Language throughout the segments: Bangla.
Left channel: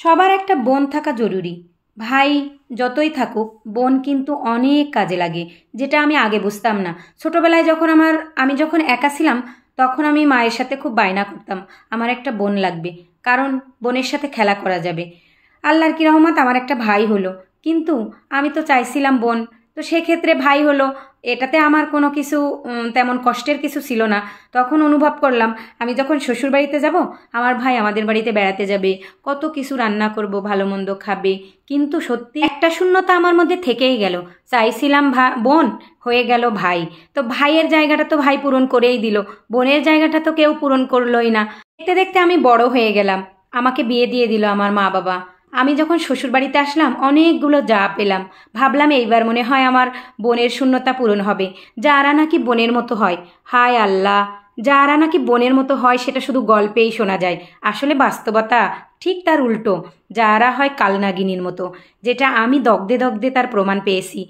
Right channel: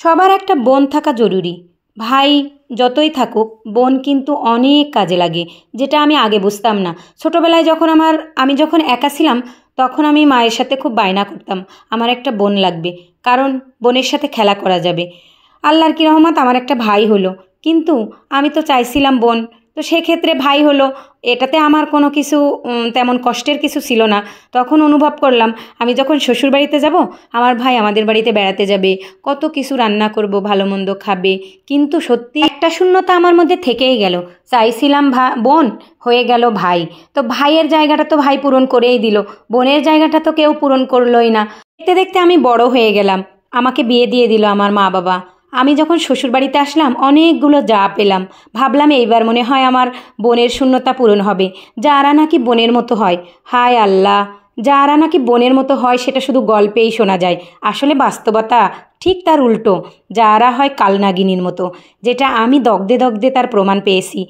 সবার একটা বোন থাকা জরুরি। ভাই যতই থাকুক, বোন কিন্তু অনেক কাজে লাগে, যেটা আমি আগে বুঝতাম না। ছোটবেলায় যখন আমি যখন একা ছিলাম, তখন আমি মায়ের সাথে খুব বায়না করতাম আমার একটা বোন লাগবে, কারণ বোনের সাথে খেলা করা যাবে। আল্লাহর কি রহমত, আমার একটা ভাই হলো। কিন্তু আমি তো চাইছিলাম বোন, তো সেক্ষেত্রে ভাই হলো, এটাতে আমার কোনো কিছু তেমন কষ্টের কিছু ছিল না। তখন অনুভব করলাম আমি যখন শ্বশুরবাড়িতে যাব, আমার ভাই আমাদের বাড়িতে বেড়াতে যাবে, কত কিছু রান্না করব, ভালো মন্দ খাবে। কিন্তু সত্যি একটা শূন্যতা আমার মধ্যে থেকেই গেল। চাইছিলাম বোন, হয়ে গেল ভাই। তো ভাইয়ের জায়গাটা তো ভাই পূরণ করেই দিল, বোনের জায়গাটা তো কেউ পূরণ করলোই না। দেখতে দেখতে আমি বড় হয়ে গেলাম, আমাকে বিয়ে দিয়ে দিল আমার মা বাবা। আমি যখন শ্বশুরবাড়িতে আসলাম, অনেকগুলো যা পেলাম। ভাবলাম এইবার মনে হয় আমার বোনের শূন্যতা পূরণ হবে। যারা নাকি বোনের মতো হয়, হায় আল্লাহ, যারা নাকি বোনের মতো হয় সেটা শুধু গল্পেই শোনা যায়, আসলে বাস্তবতা ঠিক তার উল্টো। যারা হয় কালনাগিনীর মতো, যেটা আমি দগ্ধে দগ্ধে তার প্রমাণ পেয়েছি।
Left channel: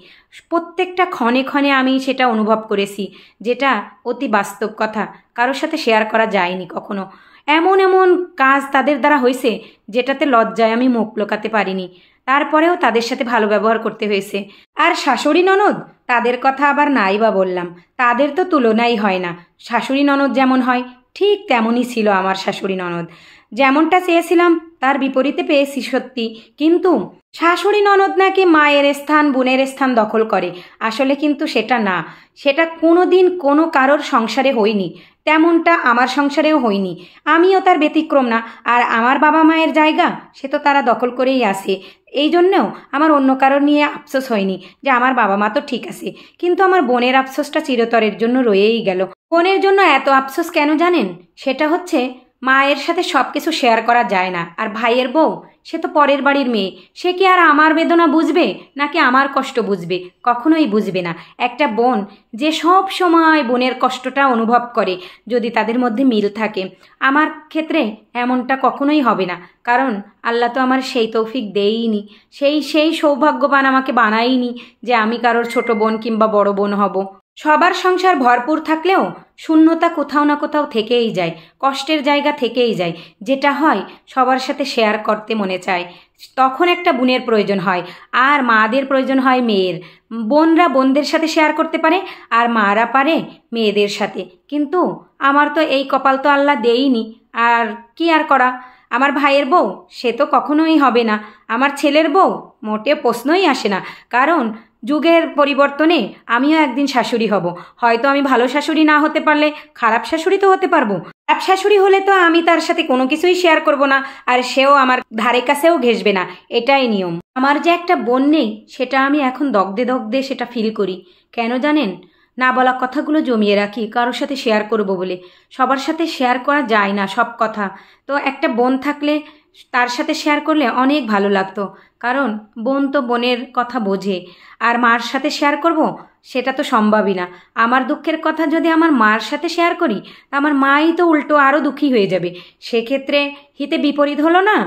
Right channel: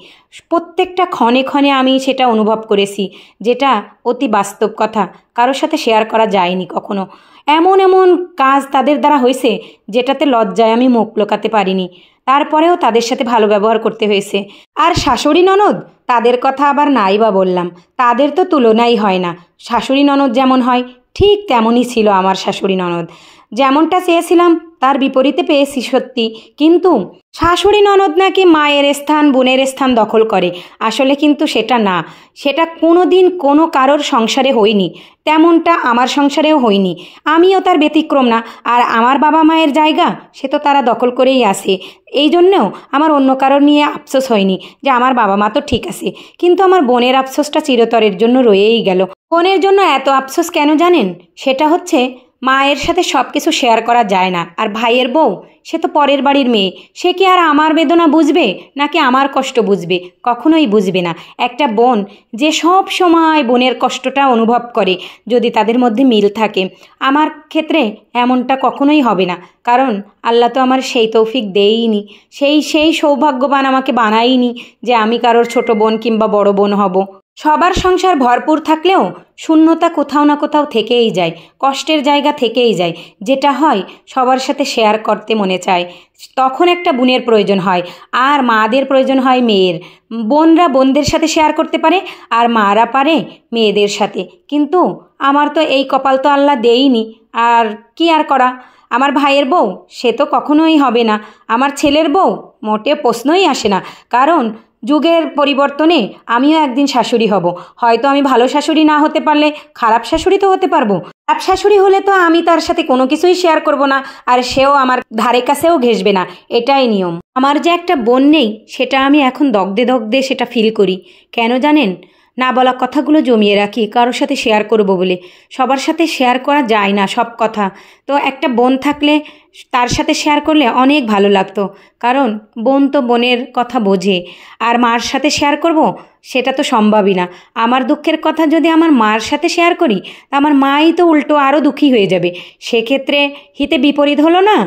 প্রত্যেকটা ক্ষণে ক্ষণে আমি সেটা অনুভব করেছি, যেটা অতি বাস্তব কথা, কারোর সাথে শেয়ার করা যায়নি কখনো। এমন এমন কাজ তাদের দ্বারা হয়েছে, যেটাতে লজ্জায় আমি মুখ লুকাতে পারিনি। তারপরেও তাদের সাথে ভালো ব্যবহার করতে হয়েছে। আর শাশুড়ি ননদ, তাদের কথা আবার নাই বা বললাম, তাদের তো তুলনাই হয় না। শাশুড়ি ননদ যেমন হয়, ঠিক তেমনই ছিল আমার শাশুড়ি ননদ। যেমনটা চেয়েছিলাম তার বিপরীতে পেয়েছি সত্যি। কিন্তু শাশুড়ি ননদ নাকি মায়ের স্থান, বোনের স্থান দখল করে, আসলে কিন্তু সেটা না। সেটা কোনো দিন কোনো কারোর সংসারে হয়নি, তেমনটা আমার সংসারেও হয়নি। আমিও তার ব্যতিক্রম না। আর আমার বাবা মায়ের জায়গা সে তো তারা দখল করেই আছে। এই জন্যেও আমার অন্য কারোর নিয়ে আফসোস হয়নি যে আমার বাবা মা তো ঠিক আছে। কিন্তু আমার বোনের আফসোসটা চিরতরের জন্য রয়েই গেল। বোনের জন্য এত আফসোস কেন জানেন? সেটা হচ্ছে, মায়ের সাথে সব কিছু শেয়ার করা যায় না। আর ভাইয়ের বউ, সে তো পরের বাড়ির মেয়ে, সে কি আর আমার বেদনা বুঝবে নাকি আমার কষ্ট বুঝবে? কখনোই বুঝবে না। একটা বোন যে সব সময় বোনের কষ্টটা অনুভব করে, যদি তাদের মধ্যে মিল থাকে। আমার ক্ষেত্রে এমনটা কখনোই হবে না, কারণ আল্লাহ তো আমার সেই তৌফিক দেয়ইনি, সেই সৌভাগ্যবান আমাকে বানায়নি যে আমি কারোর ছোট বোন কিংবা বড় বোন হব। সবার সংসার ভরপুর থাকলেও শূন্যতা কোথাও না কোথাও থেকেই যায়, কষ্টের জায়গা থেকেই যায়। যেটা হয়, সবার সাথে শেয়ার করতে মনে চায়, তখন একটা বোনের প্রয়োজন হয়। আর মাদের প্রয়োজন হয় মেয়ের। বোনরা বোনদের সাথে শেয়ার করতে পারে, আর মারা পারে মেয়েদের সাথে। কিন্তু আমার তো এই কপাল তো আল্লাহ দেয়নি। আর কি আর করা, আমার ভাইয়ের বউ সে তো কখনোই হবে না। আমার ছেলের বউ মোটে প্রশ্নই আসে না, কারণ যুগের পরিবর্তনে আমিও একদিন শাশুড়ি হব। হয়তো আমি ভালো শাশুড়ি না হতে পারলে খারাপ শাশুড়ি তো হতে পারবো। খারাপ শাশুড়ি হলে তো আমি তার সাথে কোনো কিছুই শেয়ার করব না, আর সেও আমার ধারে কাছেও ঘেঁষবে না। এটাই নিয়ম। আমার যে একটা বোন নেই, সেটা আমি এখন দগ্ধে দগ্ধে সেটা ফিল করি। কেন জানেন? না বলা কথাগুলো জমিয়ে রাখি কারোর সাথে শেয়ার করব বলে। সবার সাথে শেয়ার করা যায় না সব কথা। তো একটা বোন থাকলে তার সাথে শেয়ার করলে অনেক ভালো লাগতো, কারণ বোন তো বোনের কথা বোঝে। আর মার সাথে শেয়ার করব, সেটা তো সম্ভবই না। আমার দুঃখের কথা যদি আমার মার সাথে শেয়ার করি, তা আমার মাই তো উল্টো আরও দুঃখী হয়ে যাবে। সেক্ষেত্রে হিতে বিপরীত হলো না?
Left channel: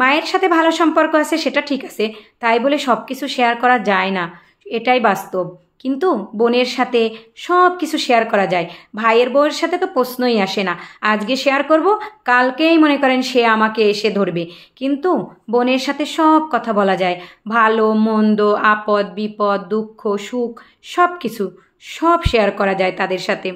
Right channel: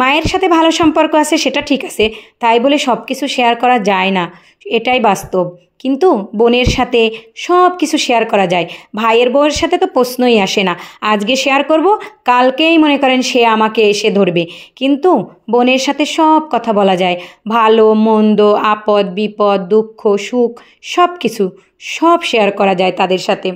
মায়ের সাথে ভালো সম্পর্ক আছে সেটা ঠিক আছে, তাই বলে সব কিছু শেয়ার করা যায় না, এটাই বাস্তব। কিন্তু বোনের সাথে সব কিছু শেয়ার করা যায়। ভাইয়ের বউয়ের সাথে তো প্রশ্নই আসে না। আজকে শেয়ার করব, কালকেই মনে করেন সে আমাকে এসে ধরবে। কিন্তু বোনের সাথে সব কথা বলা যায়, ভালো মন্দ, আপদ বিপদ, দুঃখ সুখ, সব কিছু সব শেয়ার করা যায় তাদের সাথে।